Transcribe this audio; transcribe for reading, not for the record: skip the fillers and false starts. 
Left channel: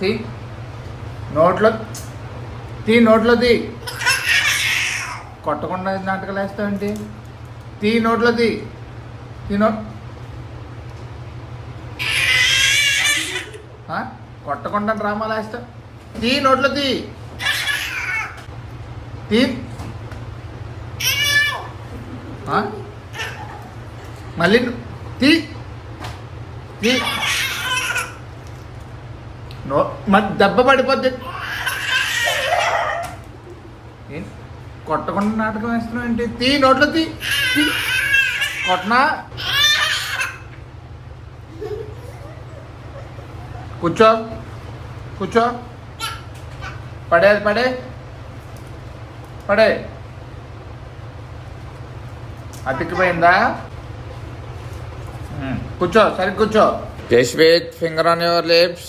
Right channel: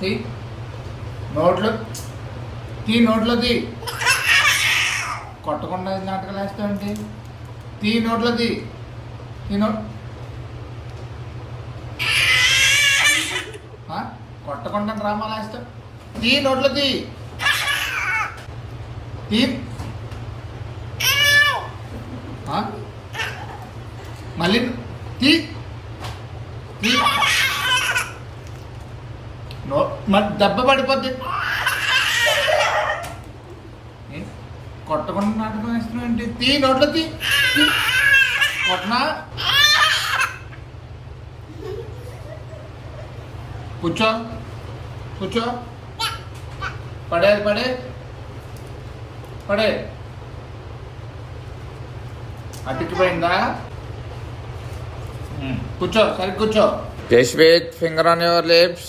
తీ నోట్లో తీ నోట్లో తీ కొట్టకుండా నాటకాలు వేస్తావేంటి? తీ నోట్లో తీ కొట్టకుండా డ్రామాలు వేస్తావు. తీ నోట్లో తీ తీ మళ్ళీ తీ తీ మరి దెబ్బ పడిపోద్ది. కొట్టకుండా నాటకం వేస్తున్నావు ఏంటి? తీ నోట్లో తీ కొట్టనా. కూర్చో కూర్చో. పడే పడే పడే. అతికిపోయిందా? కూర్చో, సరిగ్గా కూర్చో. Just with finger on your lips.